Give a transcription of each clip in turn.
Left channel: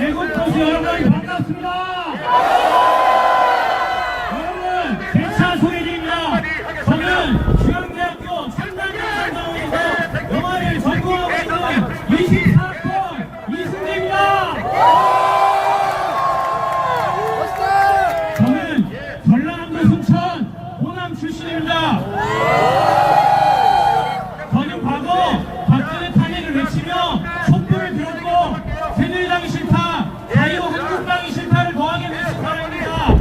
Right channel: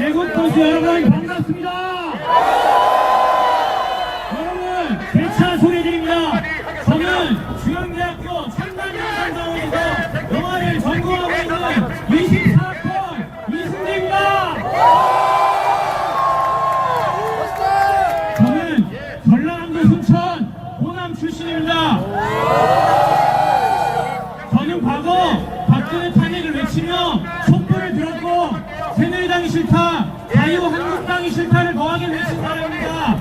애국보수 여러분 반갑습니다. 여러분 대차 소리입니다. 저는 중앙대학교 첨단영상사원에서 영화를 전공하고 있는 24번 이승재입니다. 저는 전라남도 순천 호남 출신입니다. 저는 과거 박근혜 탄핵을 외치며 촛불을 들었고 새누리당이 싫다, 자유한국당이 싫다를 거하게 외친 사람입니다.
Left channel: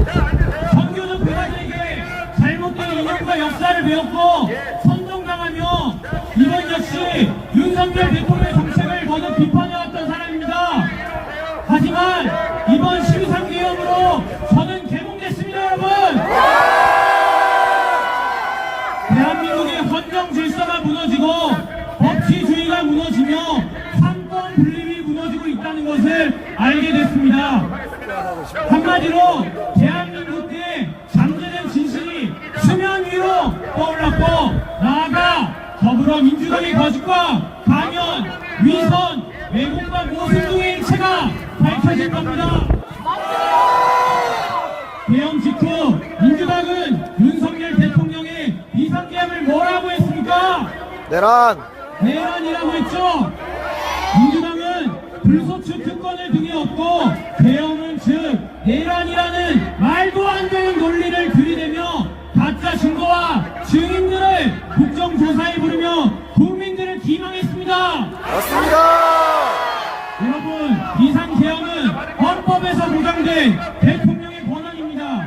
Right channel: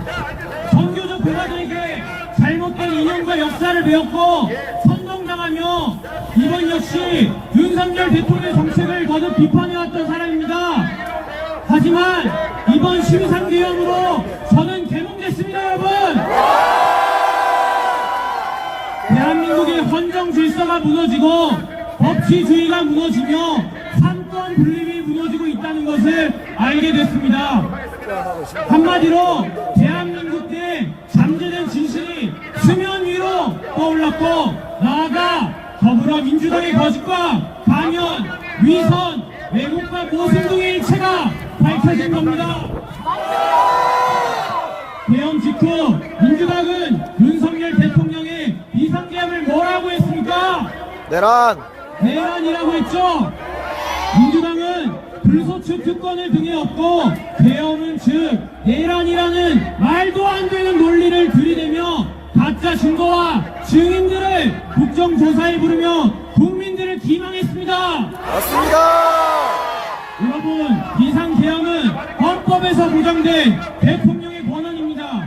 정교조 배관에게 잘못된 이념과 역사를 배웠고 선동당하며 이번 역시 윤석열 대통령의 정책을 거듭 비판해왔던 사람입니다. 하지만 이번 13개헌으로 저는 개몽됐습니다. 여러분, 대한민국의 헌정 질서가 무너지고 법치주의가 무너지며 삼권 분립이 무너지고 있다는 것을 알게 됐습니다. 한마디로 대한민국의 잠재된 진실이 수면 위로 떠올랐고, 나아가 더불어민주당의 거짓과 강연, 위선, 왜곡과 모순동의 일체가 밝혀질 겁니다. 개헌 직후 민주당은 윤석열 대통령의 비상계엄을 뭐라고 했습니까? 내란이라고 했죠. 민주당은 불소추 특권을 등에 업고 개헌은 즉 내란이라는 말도 안 되는 논리를 들이대며 가짜 증거와 증인들을 국정조사에 부르며 국민들을 기망했습니다. 맞습니다. 여러분, 비상계엄은 헌법에서 보장된 대통령의 권한입니다.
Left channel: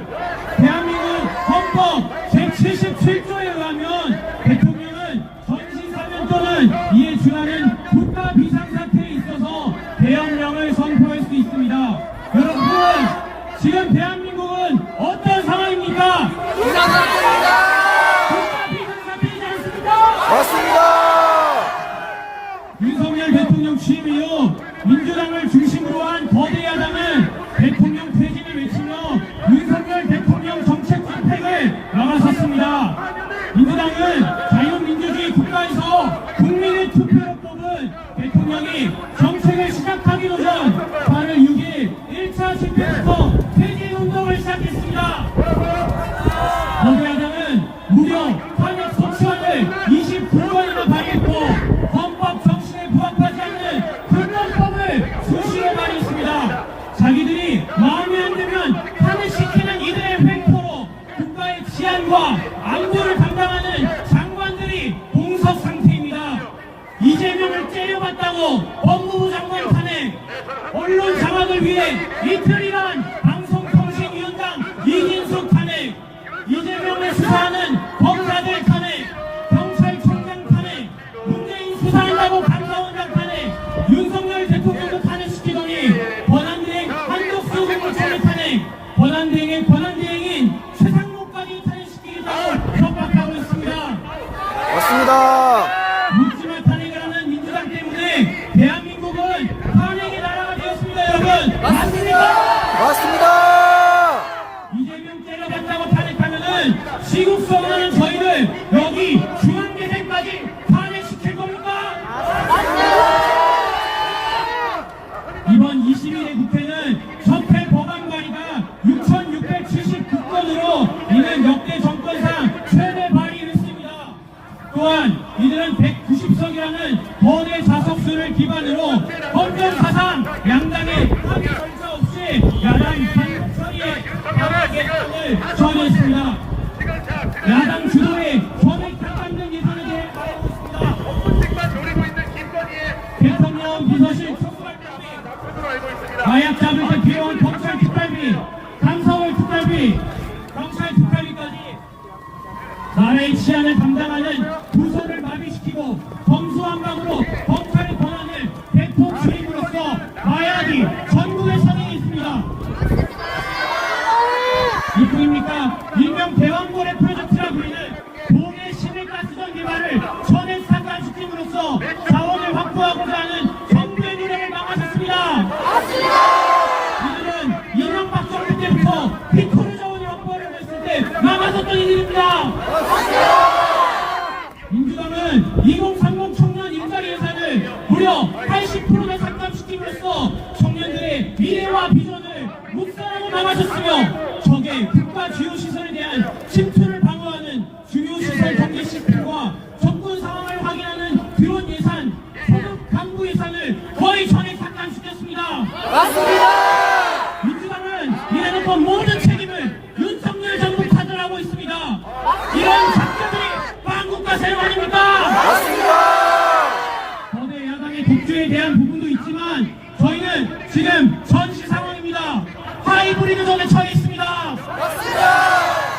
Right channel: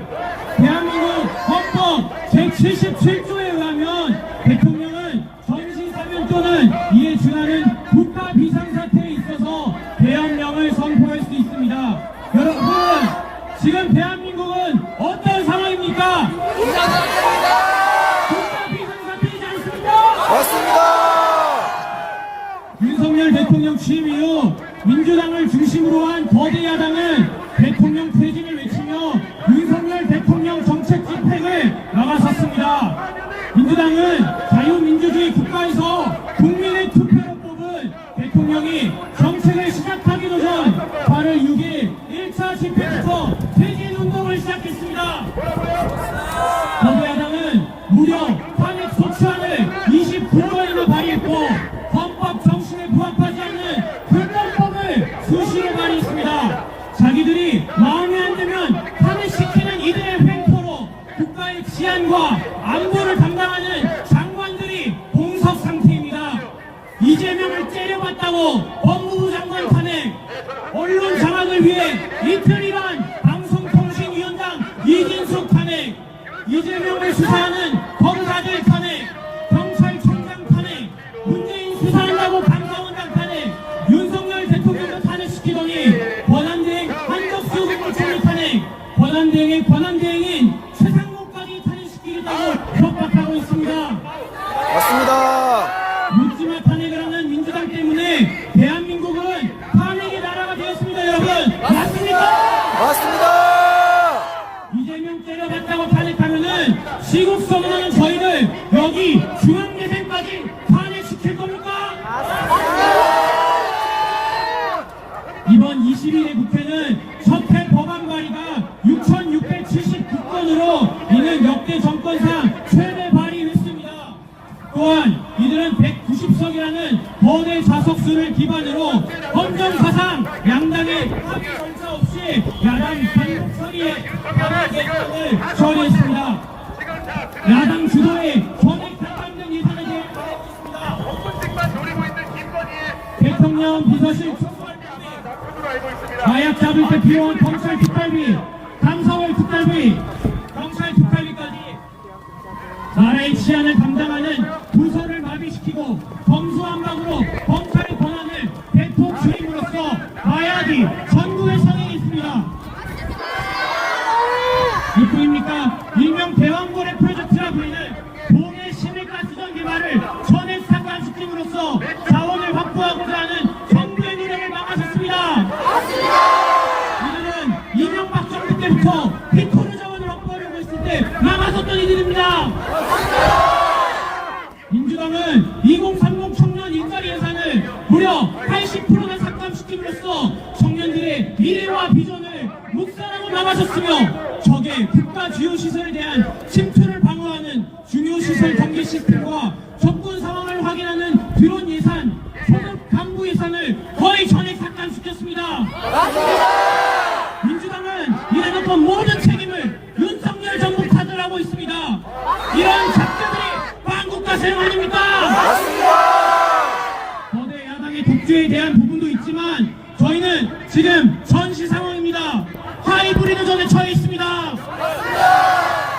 대한민국 헌법 제77조에 의하면 대통령은 전시사면 또는 이에 준하는 국가 비상사태에 있어서 계엄령을 선포할 수 있습니다. 여러분, 지금 대한민국은 어떤 상황입니까? 국가 비상사태이지 않습니까? 맞습니다. 윤석열 대통령 취임 이후 민주당을 중심으로 한 거대 야당은 대통령 퇴진을 외치며 윤석열 대통령 정책 집행을 나가섰습니다. 민주당은 자유민주주의 국가에서 국민의 투표로 뽑은 대통령이 정책을 시작하기 전 8월 6일 1차 집회부터 퇴진운동을 시작했습니다. 거대 야당은 무려 탄핵 소추안을 29번이나 발의했고 헌법 정신에 부합하지 않는 불법법을 수시로 발의했습니다. 자기들이 마음에 안 들면 탄핵시키는 이들의 횡포로 국가의 치안과 안보를 담당하는 장관들이 공석 상태입니다. 이재명을 째려봤다고 법무부 장관 탄핵, 언론 장악을 위해 이틀이란 방송통신위원장 이진수 탄핵, 이재명을 수사하는 검사들 탄핵, 경찰청장 탄핵, 문재인 수사한다고 감사원장 탄핵, 윤석열 대통령도 탄핵시키더니 권한대행 한덕수 국무총리 탄핵, 권한대행의 권한대행인 최상목까지 탄핵시키겠다고 협박하고 있습니다. 맞습니다. 묻지마 탄핵을 하는 민주당 때문에 대한민국은 탄핵의 나라가 되었습니다. 여러분, 맞습니까? 맞습니다. 이재명 때려봤다고 탄핵하면은 시국수 없는 저희를 여기 중앙재생까지 탄핵시킬 겁니까? 이번 21회 국회는 적폐 법안 발의가 6,679건으로 이는 역대 정권상 최대 발의 횟수입니다. 또한 이들은 190석이라는 거대 자석수를 기반으로 헌정사상 양당의 합의 절차 없이 야당 단독 처리에 발의 예산을 처리했습니다. 야당 주도의 전액 삭감된 예산에 대해 말하고 있습니다. 대통령 비서실 청구활동비, 마약 잡을 때 필요한 검찰 특활비, 간사월 특활비, 경찰 특활비까지 나라의 치안을 담당하는 부서를 마비시키고 범수한방으로 검찰의 권한을 대폭 줄임으로써 마약이 전국에 선행해 있습니다. 이뿐입니까? 일명 대왕거래 프로젝트라 불리는 동해 시외가스전 개발을 전액 상관시킴으로써 자원을 확보하고자 하는 정부의 노력을 막아섰습니다. 이들은 이명박 정부 때부터 피토리 자원을 확보하려고 했을 때 막아섰던 이들입니다. 민주당은 2030 청년 일자리 예산을 무려 80%나 삭감시킴으로써 청년들의 민주당의 미래와 비전을 묵살하고 나가셨으며 적의 국가 주요 시설에 대한 침투를 방어하는 중요 시설 경계 시스템과 정권 상황을 확인하는 드론 예산, 소속 간부 예산을 거의 전액 삭감시켰습니다. 민주당은 이래놓고 모든 책임을 윤석열 정부 탓을하고 있습니다. 이런 작자들이 망국가 세력 아닙니까? 맞습니다. 거대 야당의 독주에 대한 부분도 있지만 저희는 지금 전시 상황입니다. 하이브리드 전에 처해 있습니다.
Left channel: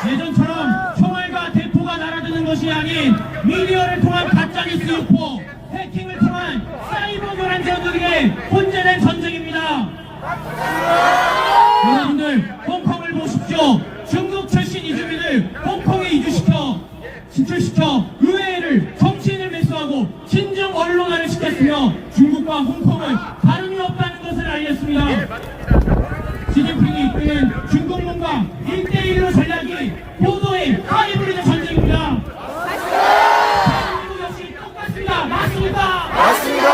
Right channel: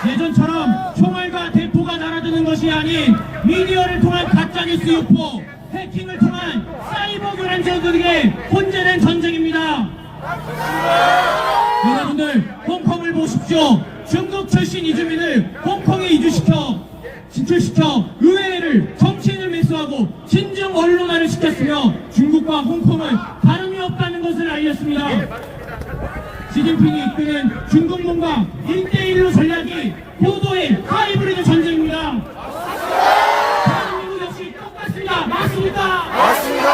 예전처럼 총알과 대포가 날아드는 것이 아닌 미디어를 통한 가짜뉴스 유포, 해킹을 통한 사이버 교란자들에게 혼재된 전쟁입니다. 여러분들 홍콩을 보십시오. 중국 출신 이주민을 홍콩에 진출시켜 의회를 정치인을 매수하고 친중 언론화를 시켰으며 중국과 홍콩은 다름이 없다는 것을 알렸습니다. 시진핑이 이끄는 중국문과 1대1로 전략이 고도의 하이브리드 전쟁입니다. 대한민국 역시 똑같습니다. 맞습니까? 맞습니다.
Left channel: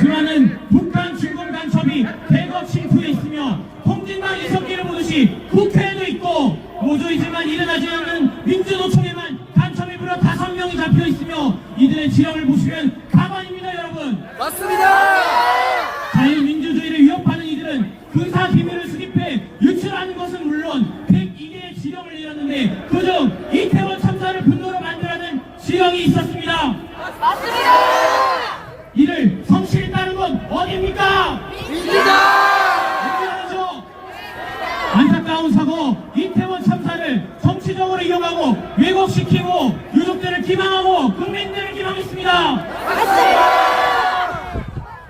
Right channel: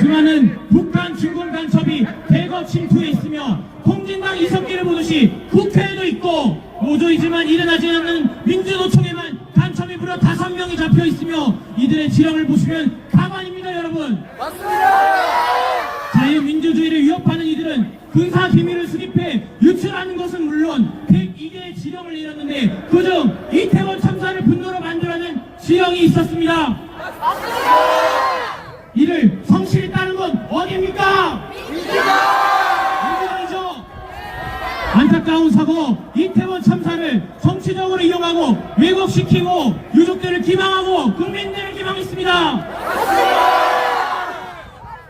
수많은 북한 중국 간첩이 대거 침투해 있으며 홍진당 이석기를 보듯이 국회에도 있고 노조이지만 일어나지 않는 민주노총에만 간첩이 무려 5명이 잡혀 있으며 이들의 지형을 보시면 가관입니다. 여러분, 맞습니다. 자유민주주의를 위협하는 이들은 군사 비밀을 수립해 유출하는 것은 물론 102개의 지형을 내렸는데 그중 이태원 참사를 분노로 만들어낸 지형이 있었습니다. 이를 성실히 따른 건 어디입니까? 민주당이죠. 안타까운 사고 이태원 참사를 정치적으로 이용하고 왜곡시키고 유족들을 기망하고 국민들을 기망했습니다.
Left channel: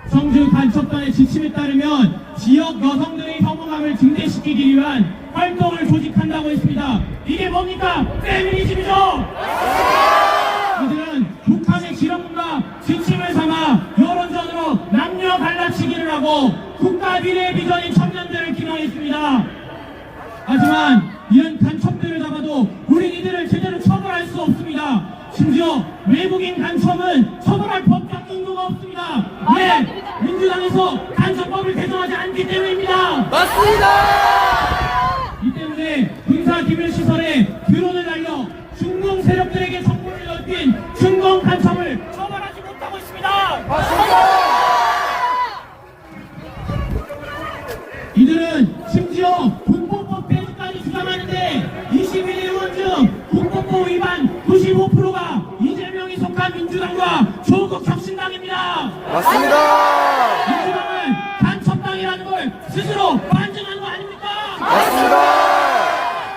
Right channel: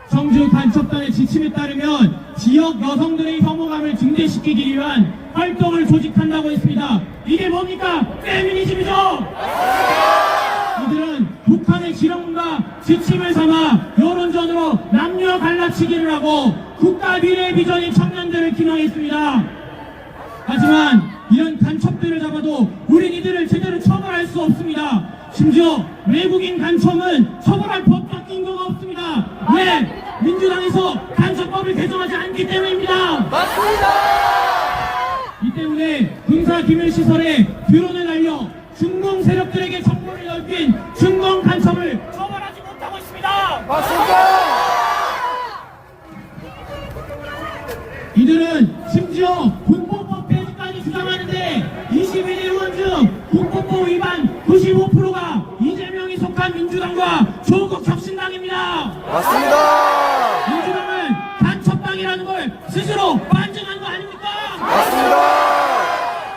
성주 간첩단의 지침에 따르면 지역 여성들의 혐오감을 증대시키기 위한 활동을 조직한다고 했습니다. 이게 뭡니까? 페미니즘이죠. 이들은 북한의 지령과 지침을 삼아 여론전으로 남녀 갈라치기를 하고 국가 미래의 비전인 청년들을 기망했습니다. 하지만 이런 간첩들을 잡아도 우린 이들을 제대로 처벌할 수 없습니다. 심지어 외국인 간첩은 처벌할 법적 근거가 없습니다. 왜? 민주당에서 간첩법을 개정하지 않기 때문입니다. 맞습니다. 이 때문에 군사기밀시설에 드론을 날려 중공 세력들에게 정보를 넓힌 중공 간첩을 처벌하지 못하고 있습니다. 이들은 심지어 군법법 폐지까지 주장하는데 21대 의원 중 군법법 위반 95%가 이재명이 속한 민주당과 조국 혁신당입니다. 맞습니다. 민주당은 간첩당이라는 걸 스스로 반증한 거 아닙니까? 맞습니다.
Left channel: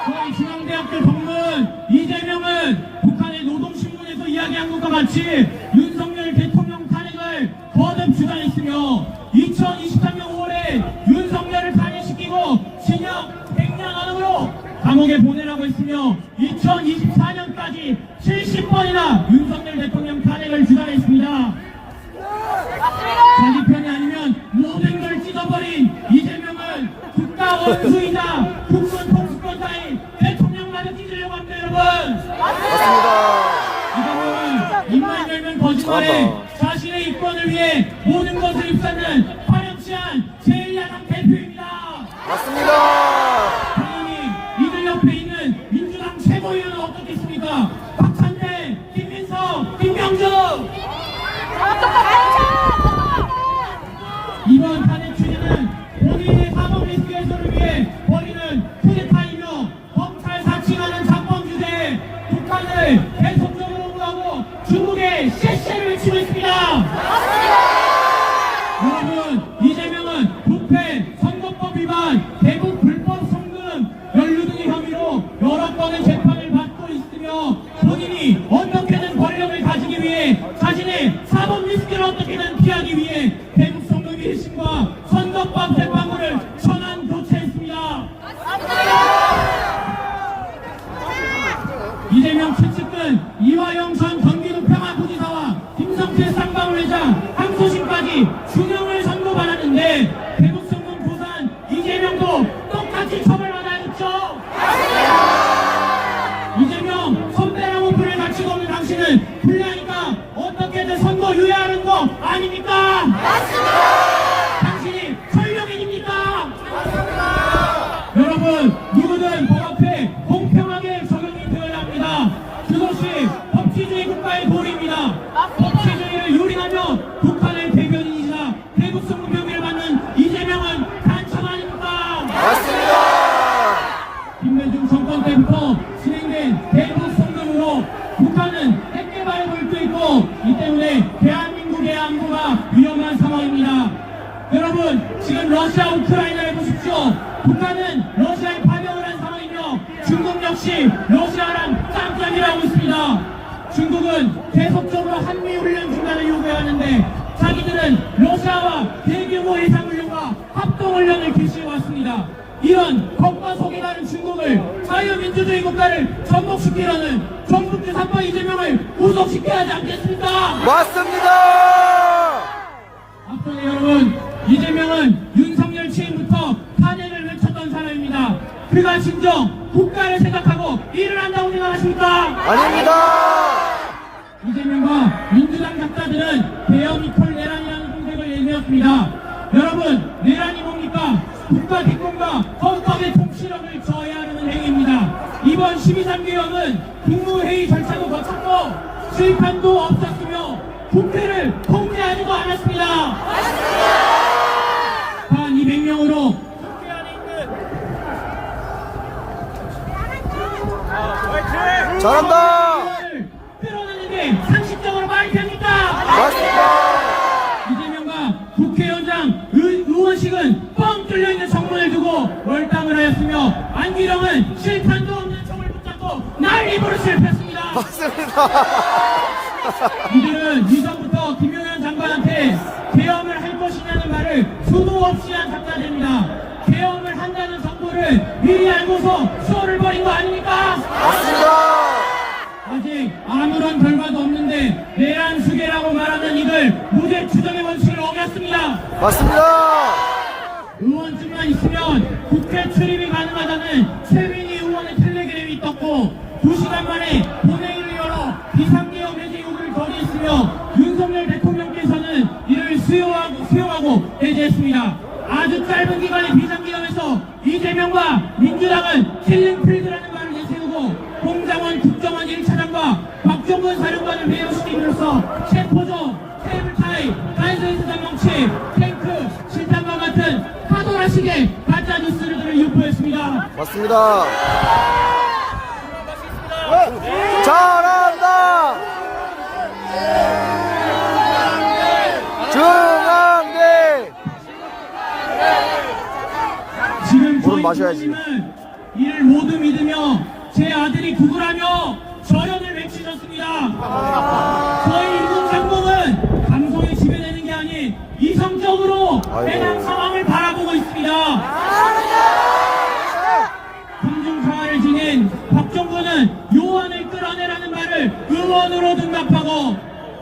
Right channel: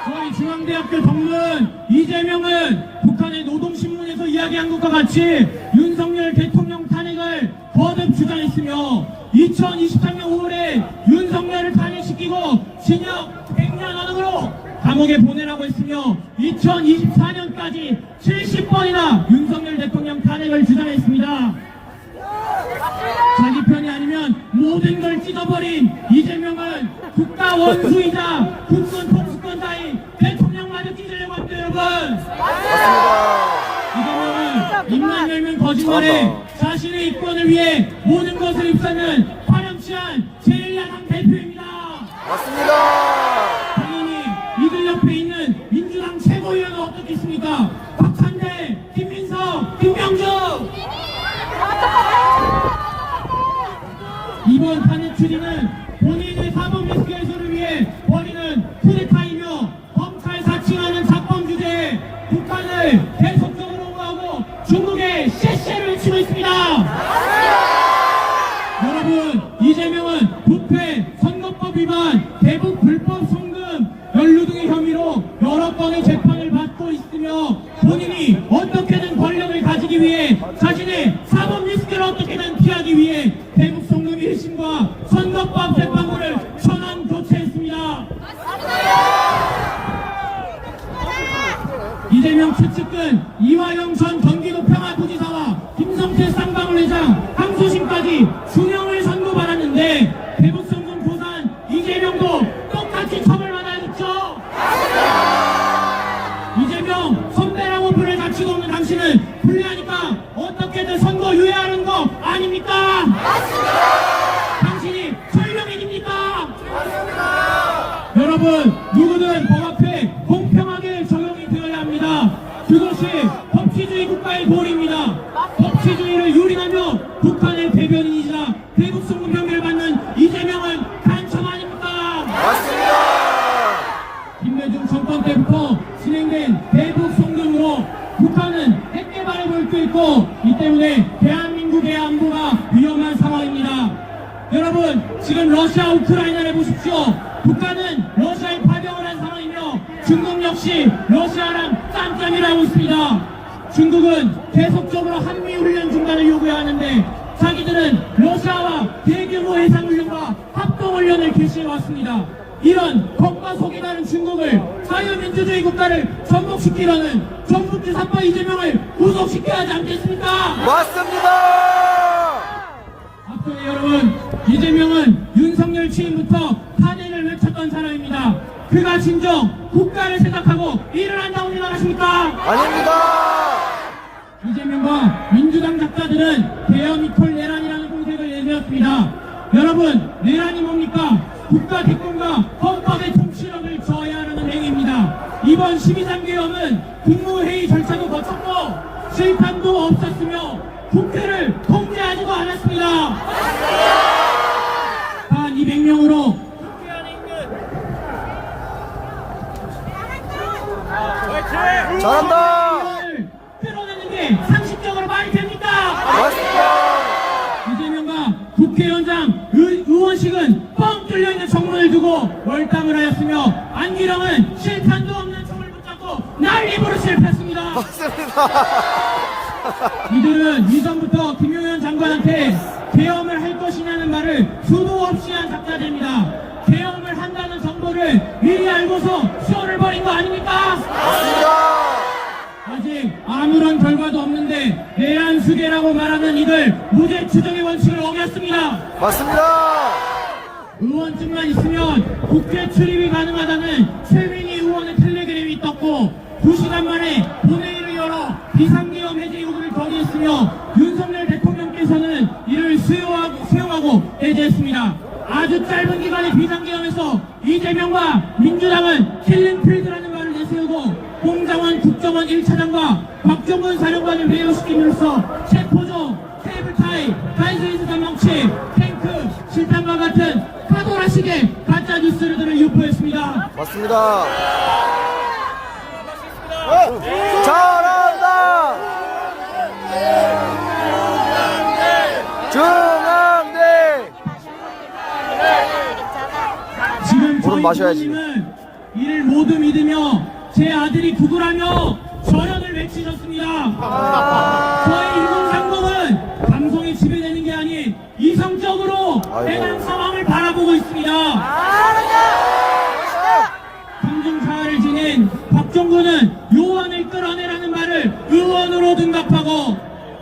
저희 중앙대학교 동문 이재명은 북한의 노동신문에서 이야기한 것과 같이 윤석열 대통령 탄핵을 거듭 주장했으며 2023년 5월에 윤석열을 탄핵시키고 징역 100년 안으로 감옥에 보내라고 했으며 2024년까지 70번이나 윤석열 대통령 탄핵을 주장했습니다. 자기 편이 아니면 모든 걸 찢어버린 이재명은 국가 원수이자 국군 통수권자인 대통령 말을 찢으려고 합니다. 여러분, 맞습니다. 이재명은 입만 열면 거짓말해 잘한다. 자신의 이권을 위해 모든 것을 입사는 화려치한 제1야당 대표입니다. 맞습니다. 당연히 이들 옆에 있는 민주당 최고위원은 어떻겠습니까? 박찬대, 김민석, 김명중. 이번 탄핵 추진은 본인의 사법 리스크 해소를 위해 벌이는 쿠데타이며 검찰 사칭하는 자범 주제에 북한을 계속적으로 옹호하고 중국에 실시를 외치고 있습니다. 여러분, 이재명은 부패, 선거법 위반, 대북 불법 송금, 연루 등의 혐의로 여러 건의 재판을 받고 있으며 본인이 어떻게든 권력을 가지기 위해 자신의 사법 리스크를 어떻게든 피하기 위해 대북 송금 1심과 선거법 재판부를 전환 교체했습니다. 이재명 추측은 이화영 전 경기도 평안부지사와 김성태 쌍방울회장 항소심까지 준용을 선고받았는데 대북송금 부산 이재명도 똑같이 처벌받아야겠죠. 이재명 선배라고 불을 갖추고 없는 당신은 불리하니까 어떻게든 이 때문에 대한민국의 안보가 위험한 상황입니다. 여러분, 지금 러시아 우크라이나를 보십시오. 북한은 러시아에 파병을 한 상황이며 중국 역시 러시아랑 짱짱이를 하고 있습니다. 중국은 계속적으로 한미훈련 중단을 요구하는데 자기들은 러시아와 대규모 해상훈련과 합동훈련을 개시해왔습니다. 이런 겉과 속이 많은 중국을 자유민주주의 국가를 전복시키려는 전북 대사파 이재명을 구속시켜야 하지 않겠습니까? 맞습니다. 앞으로 여러분, 이재명은 윤석열 취임부터 탄핵을 외쳤던 사람입니다. 그가 진정 국가를 생각하고 일을 한다고 생각하십니까? 아닙니다. 이재명과 민주당 작가들은 대형 이퀄 내란이라는 공격을 내밀었습니다. 여러분, 내란이 뭡니까? 국가 기권과 헌법의 통치력을 저해하려는 행위입니다. 이번 12.3기형은 국무회의 절차도 거쳤고 실탄도 없었으며 국회를 통제하지도 않았습니다. 한 200명으로 국회 안에 있는 잘한다. 끌어내는데 상식적으로 말이 됩니까? 맞습니다. 이재명과 국회의원장 의원식은 뻥 뚫려있는 정문을 두고 월당을 하였으며 안기령은 실탄도 없는 총을 붙잡고 난입으로 실패했습니다. 맞습니다. 이들은 이전부터 김용현 장관한테 개엄을 할 것이냐는 말을 수도 없이 한 작자들입니다. 개엄을 한다는 정보를 미리 알고서 수어를 벌인 거 아닙니까? 맞습니다. 아직 아무런 결과도 없는데 내란 수계라고 말하는 이들 무죄 추정의 원칙을 어겼습니다. 맞습니다. 의원증만 있으면 국회 출입이 가능하다는 최민희 의원의 텔레그램이 떴고 2시간 만에 본회의를 열어 비상계엄 해제 요구를 건의했으며 윤석열 대통령께서는 이를 수용하고 해제했습니다. 아주 짧은 기간의 비상계엄에서 이재명과 민주당은 킬링필드라는 말을 내세우고 홍장원 국정원 1차장과 박종원 사령관을 배우시킴으로써 체포조, 테이블타이, 단서에서 대망치, 탱크, 실탄과 같은 파도라식의 가짜뉴스를 유포했습니다. 맞습니다. 잘한다. 중앙대. 지금 물은 마셔야지. 부모님은 이를 모두 믿으며 제 아들이 구글하며 저연을 외치셨습니다. 저희 일본 상공은 방송에 지배되는 게 아닌 이성적으로 아이고. 해당 상황을 바라보고 있습니다. 공중사활을 지낸 박종근은 요원을 끌어내라는 말을 의원으로 등갑하고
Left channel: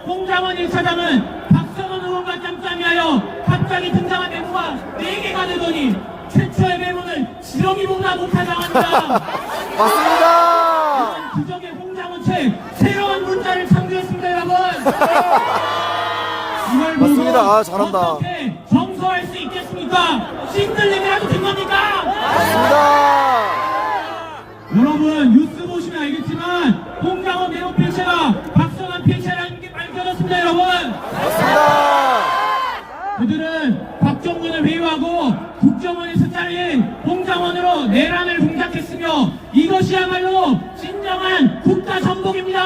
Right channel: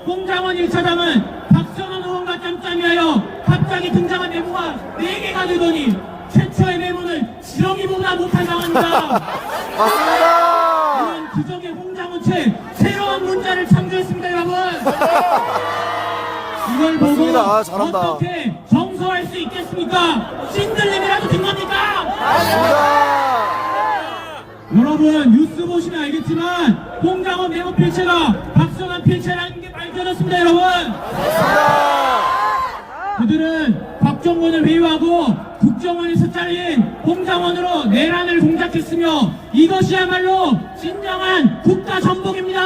홍장원 1차장은 박성원 의원과 짬짬이하여 갑자기 등장한 메모가 4개가 되더니 최초의 메모는 지렁이보다 못할 상황입니다. 맞습니다. 이런 기적의 홍장원 채 새로운 문자를 창조했습니다, 여러분. 이걸 보고 맞습니다. 아, 잘한다. 어떻게 정서할 수 있겠습니까? 신들림이라고 된 겁니까? 맞습니다. 여러분 뉴스 보시면 알겠지만 홍장원 메모 필체가 박성환 필체라는 게 밝혀졌습니다, 여러분. 맞습니다. 그들은 박정원을 회유하고 국정원에서 잘린 홍장원으로 내란을 공작했으며 이것이야말로 진정한 국가 전복입니다.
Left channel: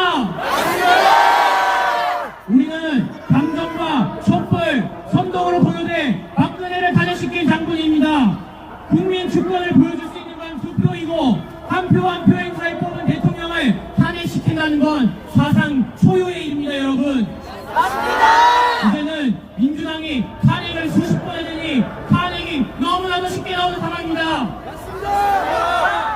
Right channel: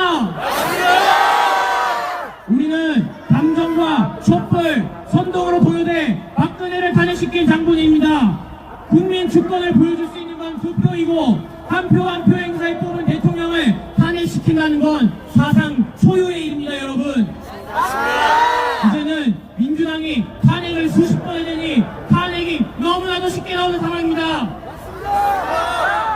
우리는 감정과 촛불, 선동으로 보여대 박근혜를 탄핵시킨 장군입니다. 국민 주권을 보여줄 수 있는 건 투표이고 한 표 한 표 행사에 뽑은 대통령을 탄핵시킨다는 건 사상 초유의 일입니다, 여러분. 이제는 민주당이 탄핵을 수십 번 해대니 탄핵이 너무나도 쉽게 나오는 상황입니다.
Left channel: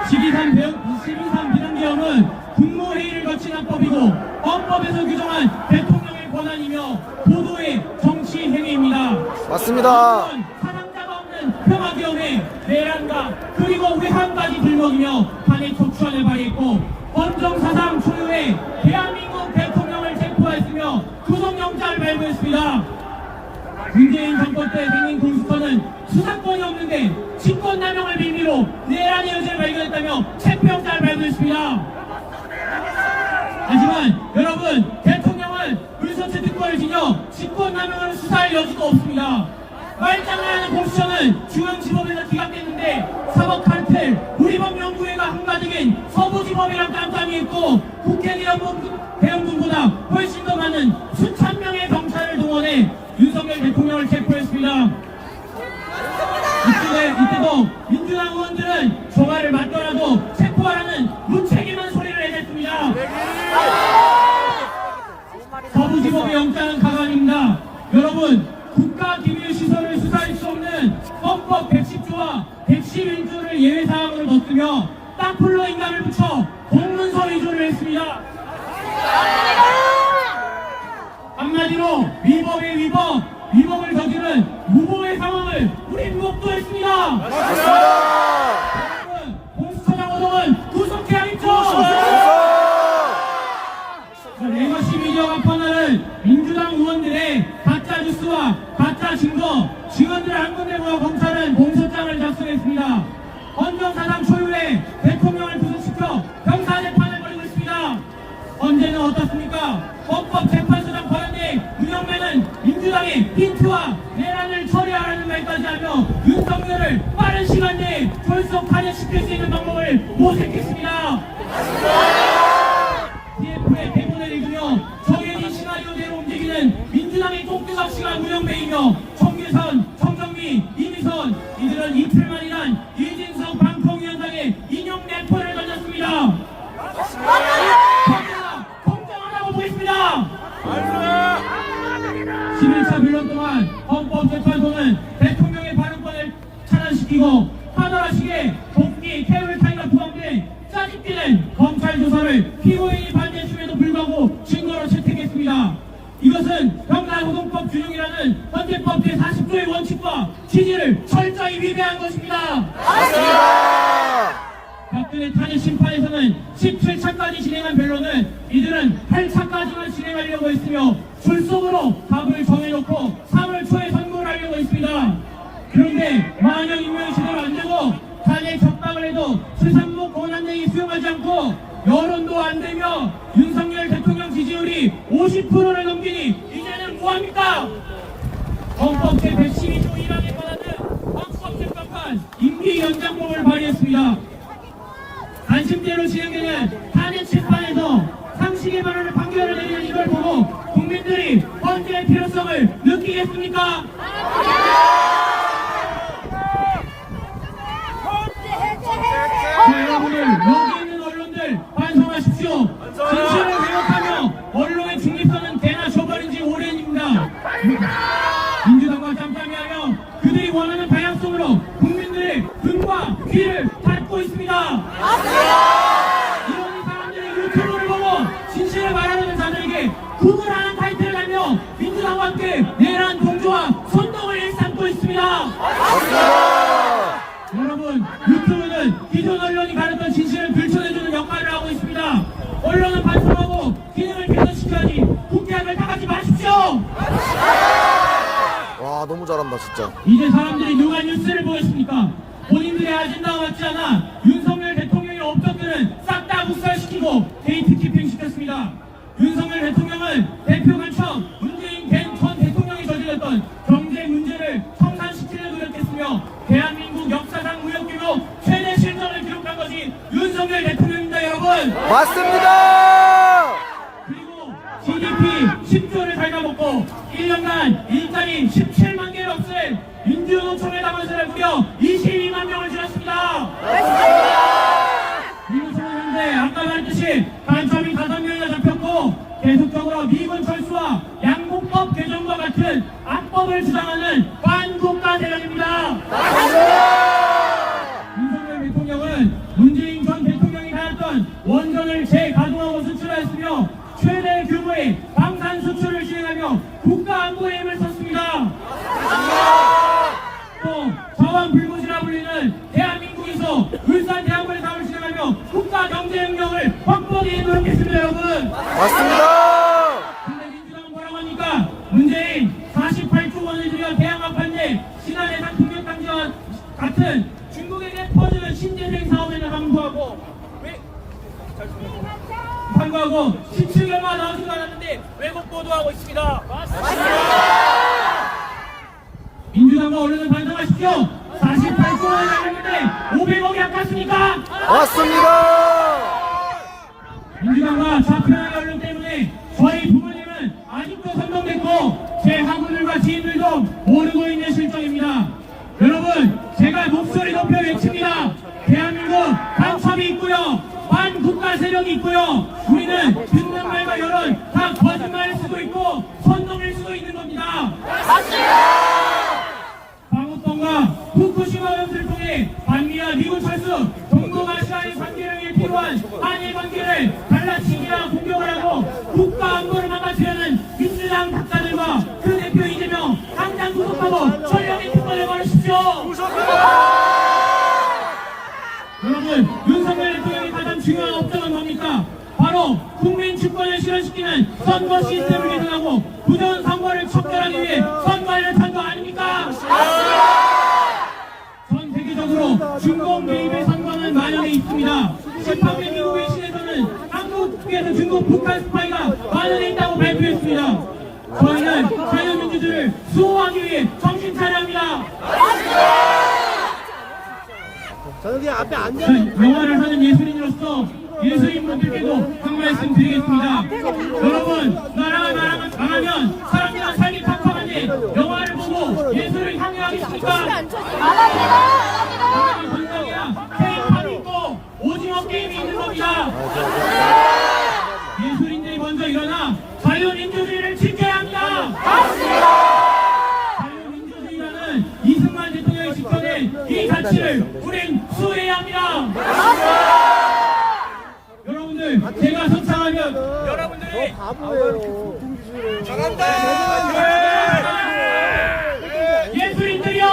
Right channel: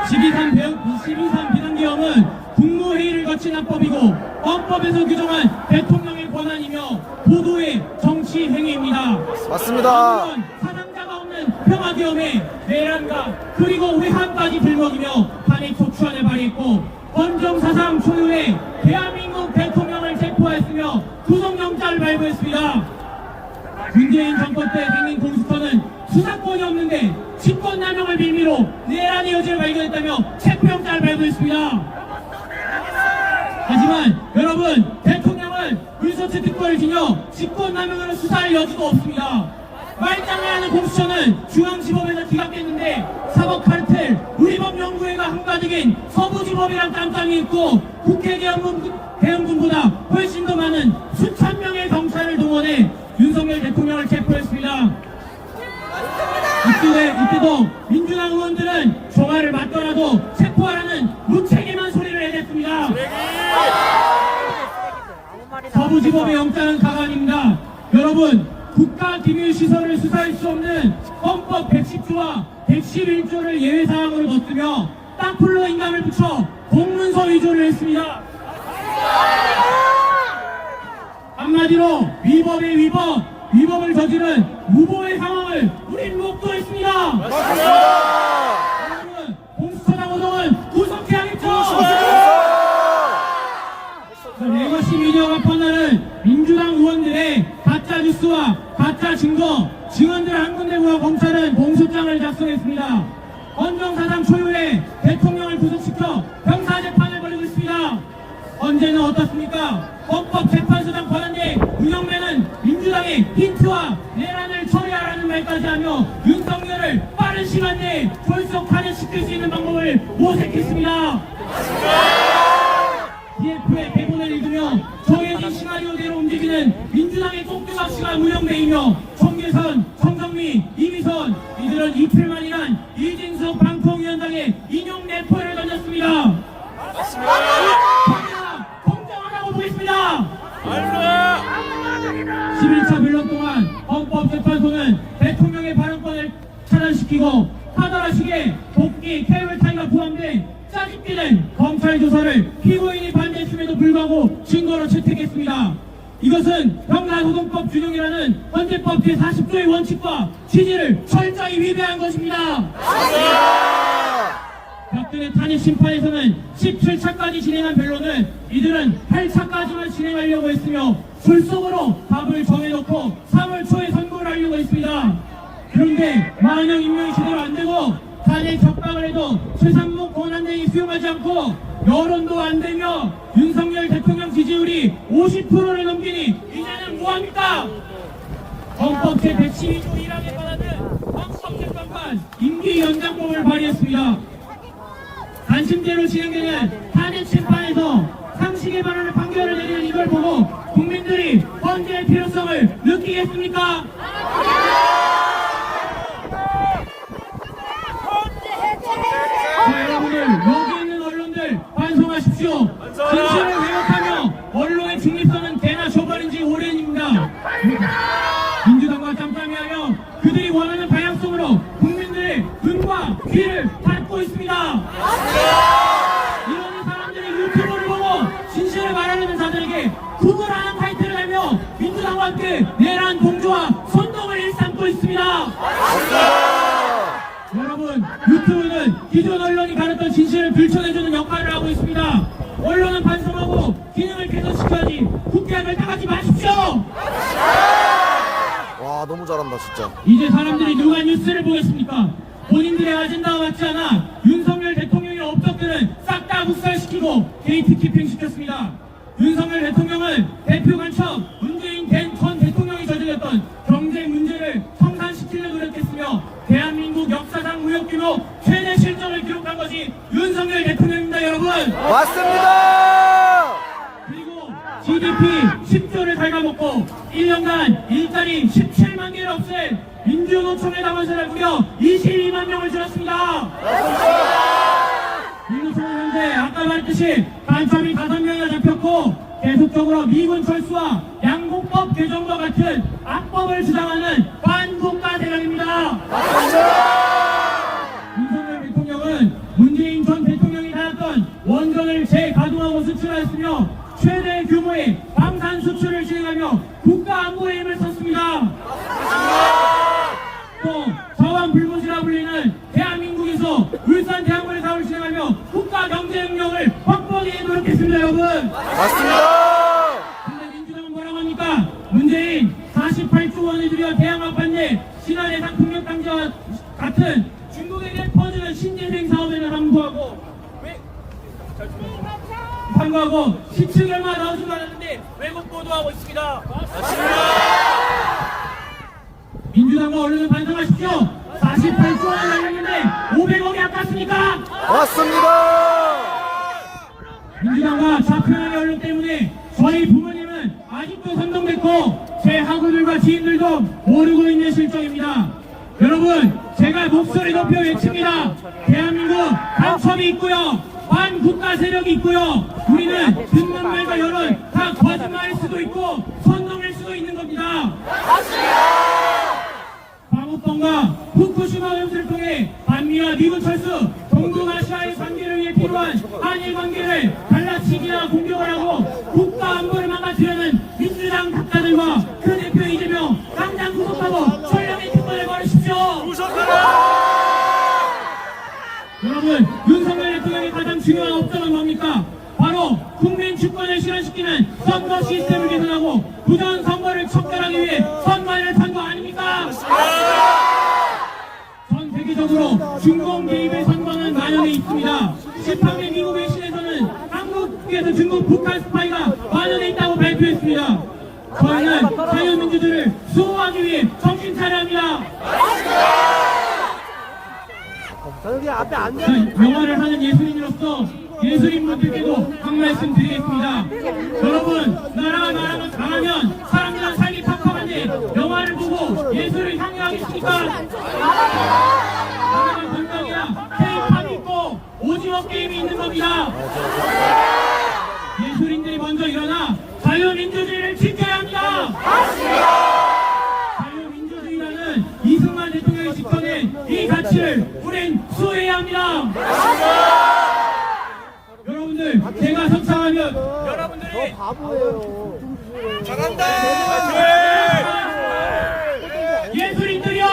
12.3 비상계엄은 국무회의를 거친 헌법이고 헌법에서 규정한 대통령의 권한이며 보도의 정치 행위입니다. 맞습니다. 사상자가 없는 평화기업에 내란과 그리고 회한까지 들먹이며 탄핵 촉구안을 발의했고 헌정사상 초유의 대한민국 대통령을 체포했으며 구속영장을 발부했습니다. 문재인 정권 때 생긴 공수처는 수사권이 없는데 직권남용을 빌미로 내란의 여지를 발견했다며 체포영장을 발부했습니다. 하지만 여러분, 대통령은 의서체 특권을 지녀 직권남용으로 수사할 여지도 없습니다. 말장난하는 공수처는 중앙지법에서 기각됐는데 사법카르텔, 우리법연구회가 한가득인 서부지법이랑 깜깜이 있고 국회개혁 대형군보다 훨씬 더 많은 수천 명의 경찰을 동원해 윤석열 대통령을 체포했습니다. 이때도 민주당 의원들은 종아를 맞더라도 체포하라는 무책임한 소리를 해댔습니다. 서부지법의 영장은 가관입니다. 여러분, 국가기밀시설을 수사할 수 없는 헌법 110조와 111조를 예외사항으로 넣으며 땅굴로 인감을 붙여 공문서 위조를 했습니다. 한마디로 위법의 위법을 저지른 무법의 상황을 우린 목도했습니다. 맞습니다. 여러분, 공수처장 오동은 구속해야겠죠. 레거시 미디어가 퍼나른 민주당 의원들의 가짜 뉴스와 가짜 증거, 증언들을 한 군데 모아 검찰은 공소장을 작성했습니다. 헌정사상 초유의 대통령을 구속시켜 형사재판을 벌이고 있습니다. 헌재는 어떻습니까? 헌법재판소장 권한대 운영면은 민주당의 힌트와 내란을 처리하라는 말까지 하며 윤석열을 빠른 시간 내에 졸속 탄핵시킬 수 있는 방법을 모색했습니다. TF의 대본을 읽으며 정해진 시나리오대로 움직이는 민주당의 꼭두각시가 운영매이며 총계선, 청정미, 이미선 이들은 이틀만이란 이진석 방통위원장의 인용 내포를 던졌습니다. 공정하다고 보겠습니다. 11차 변론 동안 헌법재판소는 대통령의 발언권을 차단시키고 하나라식의 복귀, 캐롤 타임과 포함된 짜집기는 검찰 조사를 피고인이 반대했음에도 불구하고 증거로 채택했습니다. 이것은 형사소송법 준용이라는 헌재법 제40조의 원칙과 취지를 철저히 위배한 것입니다. 박근혜 탄핵 심판에서는 17차까지 진행한 변론은 이들은 8차까지만 진행하려고 했으며 줄속으로 답을 정해놓고 3월 초에 선고를 하려고 했습니다. 그런데 만약 임명이 제대로 안되고 탄핵 적박을 해도 최상목 권한대행이 수용하지 않고 여론도 안되며 윤석열 대통령 지지율이 50%를 넘기니 이제는 뭐합니까? 헌법 제112조 1항에 관하는 헌법재판관 임기 연장법을 발의했습니다. 단심제로 진행되는 탄핵 심판에서 상식에 반하는 판결을 내리는 이걸 보고 국민들이 헌재의 필요성을 느끼겠습니까? 여러분들, 여기 있는 언론들 반성하십시오. 진실을 왜곡하며 언론의 중립성은 개나 줘버린지 오랜입니다. 민주당과 짬짬이하며 그들이 원하는 방향성으로 국민들의 눈과 귀를 닫고 있습니다. 이런 사람들이 유튜브를 보고 진실을 말하는 자들에게 구글하는 타이틀을 달며 민주당과 함께 내란 동조와 선동을 일삼고 있습니다. 여러분, 유튜브는 기존 언론이 가렸던 진실을 들춰내주는 역할을 하고 있습니다. 언론은 반성하고 기능을 개선시켜야지 국회의원을 나가지 마십시오. 와, 너무 잘한다 진짜. 이제 사람들이 누가 뉴스를 보겠습니까? 본인들의 아젠다와 맞지 않아 윤석열 대통령의 업적들은 싹 다 묵살시키고 게이트키핑 시켰습니다. 윤석열 대통령은 대표 간첩 문재인 전 대통령이 저질렀던 경제 문제를 청산시키려 노력했으며 대한민국 역사상 무역규모 최대 실적을 기록한 것이 윤석열 대통령입니다. 여러분, 맞습니다. 그리고 GDP 10조를 갉아먹고 1년간 일자리 17만 개를 없앤 민주노총의 당원세를 무려 22만 명을 줄였습니다. 민주노총 현재 아까 말했듯이 간첩이 5명이나 잡혔고 계속적으로 미군 철수와 양국법 개정과 같은 악법을 주장하는 반국가 세력입니다. 윤석열 대통령은 문재인 전 대통령이 가졌던 원전을 재가동하고 수출하였으며 최대 규모의 방산 수출을 진행하며 국가 안보에 힘을 썼습니다. 또 저항 불못이라 불리는 대한민국에서 울산 대학원의 사업을 진행하며 국가 경제 능력을 확보하기 노력했습니다. 여러분, 맞습니다. 근데 민주당은 뭐라고 합니까? 문재인 48조 원을 들여 대항합판제 신한해상 풍력단지와 같은 중국에게 퍼지는 신재생 사업에는 항구하고 10층 얼마 나오지도 않았는데 왜곡 보도하고 있습니다. 민주당과 언론을 반성하십시오. 48조 원을 날렸는데 500억이 아깝습니까? 맞습니다. 민주당과 좌표의 언론 때문에 제 학우들과 지인들도 모르고 있는 실정입니다. 여러분, 제가 목소리 높여 외칩니다. 대한민국 간첩이 있고요, 반국가 세력이 있고요. 우리는 듣는 말과 여론 다 거짓말일 수도 있고 선동일 수도 있는 겁니다. 방어권과 후쿠시마 연수를 통해 반미와 미군 철수, 동북아시아의 관계를 위해 필요한 한일 관계를 갈라치기나 공격을 하고 국가 안보를 망가뜨리는 민주당 국가들과 그 대표 이재명 당장 구속하고 전력의 특권을 걸으십시오. 여러분, 윤석열 대통령이 가장 중요한 업적은 뭡니까? 바로 국민 주권을 실현시키는 선거 시스템을 개선하고 부정 선거를 척결하기 위해 선거를 탄 거 아닙니까? 전 세계적으로 중공 개입의 선거는 만연해 있습니다. 18개 미국의 시에서는 한국에서 중국 북한 스파이가 만연해 있다고 발표했습니다. 저희는 자유민주주의를 수호하기 위해 정신 차려야 합니다. 저기 앞에 앉아. 영화를 하는 예술인으로서 예술인분들께도 한 말씀 드리겠습니다. 여러분, 나라가 망하면 사람이랑 살기 팍팍한데 영화를 보고 예술을 향유하겠습니까? 우리는 건강이야 K-팝이 있고 오징어 게임이 있는 겁니다. 예술인들이 먼저 일어나 자유민주주의를 지켜야 합니다. 자유민주주의라는 이승만 대통령이 지켜낸 이 가치를 우린 수호해야 합니다. 여러분들, 제가 선창하면 여러분들이 바보예요. 예술인들이요!